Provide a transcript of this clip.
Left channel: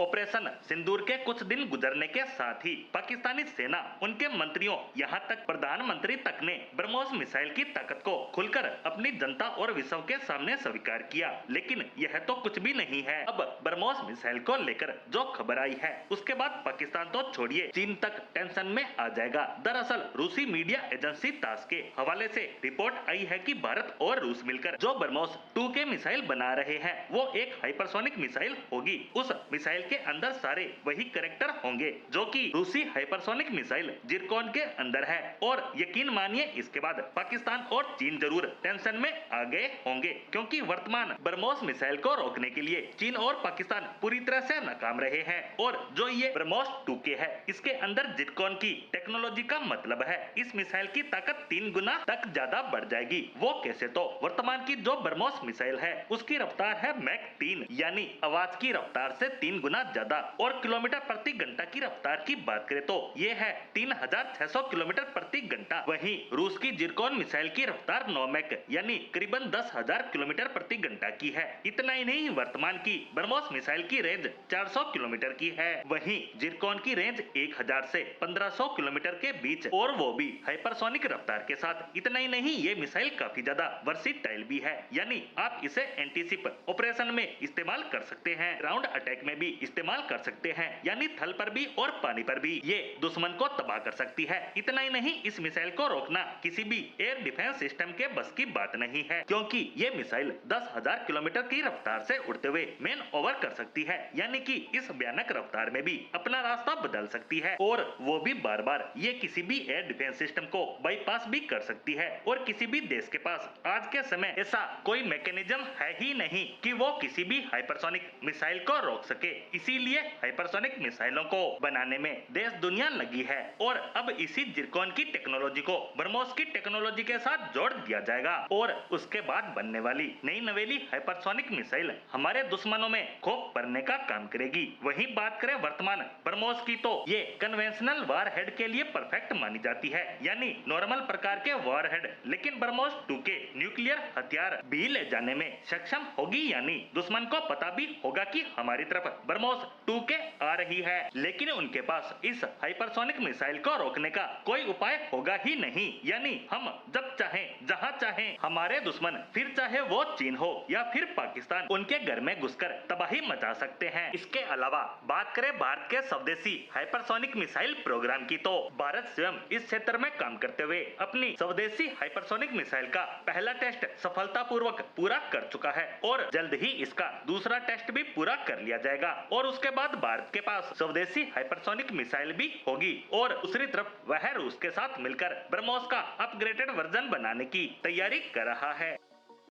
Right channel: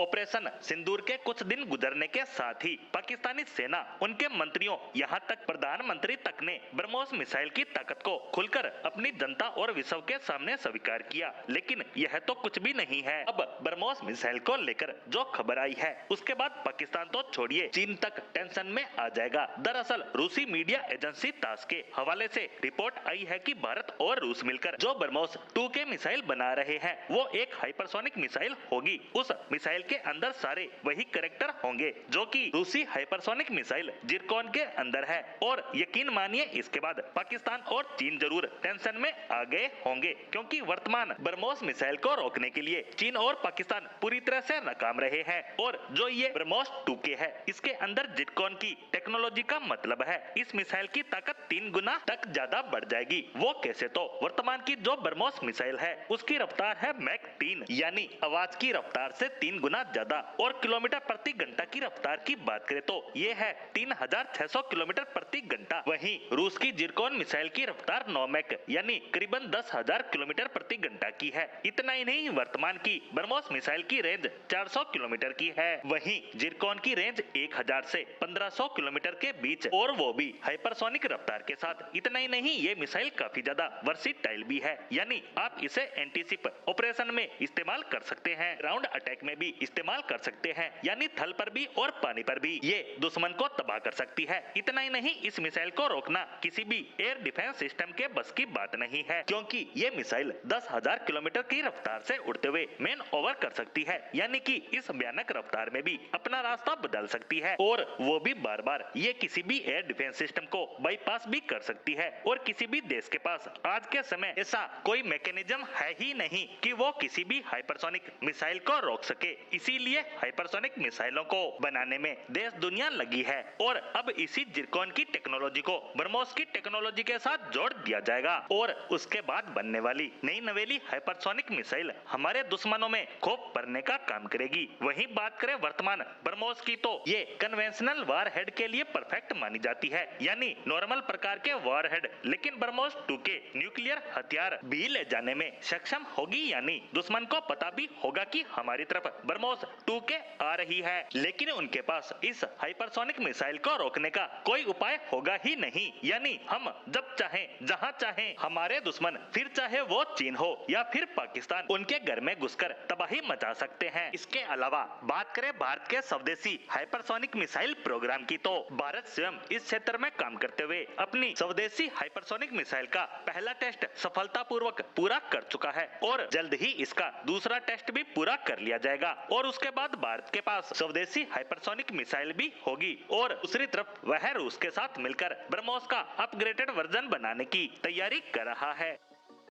Operation सिंदूर के कुछ दिन गुजरने के साथ ही पाकिस्तानी सेना, उनके मंत्रियों, यहां तक प्रधानमंत्री तक ने ब्रह्मोस मिसाइल की ताकत को खुलकर अपनी जनता और विश्व के सामने स्वीकार किया। लेकिन यह तो कुछ भी नहीं है। अब ब्रह्मोस मिसाइल को लेकर जो खबर आई है, उसके बाद पाकिस्तान तो छोड़िए, चीन तक टेंशन में आ जाएगा। दरअसल रूसी मीडिया एजेंसी तास के हवाले से रिपोर्ट आई है कि भारत और रूस मिलकर जो ब्रह्मोस 2 के मिसाइल बना रहे हैं, वो एक हाइपरसोनिक मिसाइल होगी। उस मिसाइल के अंदर सारे वही कैरेक्टर होंगे जो कि रूसी हाइपरसोनिक मिसाइल जिरकॉन के अंदर है। और यकीन मानिए, इसके बाद पाकिस्तान और चीन जरूर टेंशन में आ गए होंगे, क्योंकि वर्तमान ब्रह्मोस मिसाइल को रोकने के लिए चीन और पाकिस्तान पूरी तरह से नाकाम रहे हैं। और जो ये ब्रह्मोस 2K है, इसके अंदर जिरकॉन की टेक्नोलॉजी का मतलब है इस मिसाइल की ताकत 3 गुना तक ज्यादा बढ़ जाएगी। वो कैसे? तो वर्तमान की जो ब्रह्मोस मिसाइल है, उसकी रफ्तार है मैक 3, यानी आवाज की रफ्तार से 3 गुना ज्यादा। और किलोमीटर प्रति घंटा की रफ्तार की बात करें तो ये है 3600 किलोमीटर प्रति घंटा। वहीं रूस की जिरकॉन मिसाइल की रफ्तार 9 मैक यानी करीबन 10,000 किलोमीटर प्रति घंटा की है। इतना ही नहीं, वर्तमान की ब्रह्मोस मिसाइल की रेंज 400 किलोमीटर की है। वहीं जिरकॉन की रेंज 1000 से 1500 किलोमीटर के बीच, और वो भी हाइपरसोनिक रफ्तार के साथ। इतना ही नहीं, ये मिसाइल काफी ज्यादा वर्सिटाइल भी है, यानी आप इसे एंटीशिप ऑपरेशन में इस्तेमाल कर सकते हैं, ग्राउंड अटैक में भी इस्तेमाल कर सकते हैं, यानी थल पर भी और पानी पर भी ये दुश्मन को तबाह कर सकती है। इतना ही नहीं, इस मिसाइल को रोकना किसी भी एयर डिफेंस सिस्टम के बस की बात नहीं है, क्योंकि ये मिसाइल 10,000 किलोमीटर की रफ्तार से उड़ते हुए मैन ओवर कर सकती है, यानी कि इस भयानक रफ्तार में भी अपना रास्ता बदल सकती है। और वो भी बार बार ये किसी भी एयर डिफेंस सिस्टम को बाईपास भी कर सकती है। और किसी भी देश के पास आज के समय ऐसा कोई मैकेनिज्म है ही नहीं कि वो किसी भी हाइपरसोनिक मिसाइल को रोक सके। इसीलिए हाइपरसोनिक मिसाइलों को बनाने में देश दुनिया लगी है। और अब इसी जिरकॉन की टेक्नोलॉजी को ब्रह्मोस की टेक्नोलॉजी के साथ जोड़ दिया जाएगा, और उसके बाद बनने वाली नई नवेली हाइपरसोनिक मिसाइल हमारे दुश्मनों में खौफ भरने का काम करेगी। वहीं बात करें वर्तमान ब्रह्मोस की, तो ये कन्वेंशनल वारहेड के लिए परफेक्ट मानी जाती है, यानी नॉर्मल प्रकार के वारहेड। लेकिन ब्रह्मोस 2K न्यूक्लियर हथियार भी ले जाने में सक्षम होगी, यानी दुश्मन को पता भी होगा कि हमारी तरफ ब्रह्मोस 2K आ रही है। लेकिन उनके पास इस हाइपरसोनिक मिसाइल को रोकने का कोई उपाय होगा ही नहीं, यानी हम जब चाहें जहां चाहें हमारे दुश्मन, फिर चाहे वो चीन हो या फिर पाकिस्तान, उनके घर में घुसकर तबाही मचा सकते हैं। इसके अलावा बात करें भारत के स्वदेशी हाइपरसोनिक मिसाइल प्रोग्राम की, तो भारत स्वयं इस क्षेत्र में काम करते हुए अपनी स्वदेशी हाइपरसोनिक मिसाइल का पहला टेस्ट सफलतापूर्वक पूरा कर चुका है, और जल्द ही इसका दूसरा टेस्ट भी पूरा कर लिया जाएगा। और उसके बाद भारत के पास स्वदेशी हाइपरसोनिक मिसाइल भी होगी, और दूसरी तरफ वह रूस के साथ मिलकर ब्रह्मोस का अपग्रेडेड वर्जन बनाने की तैयारी कर रहा है।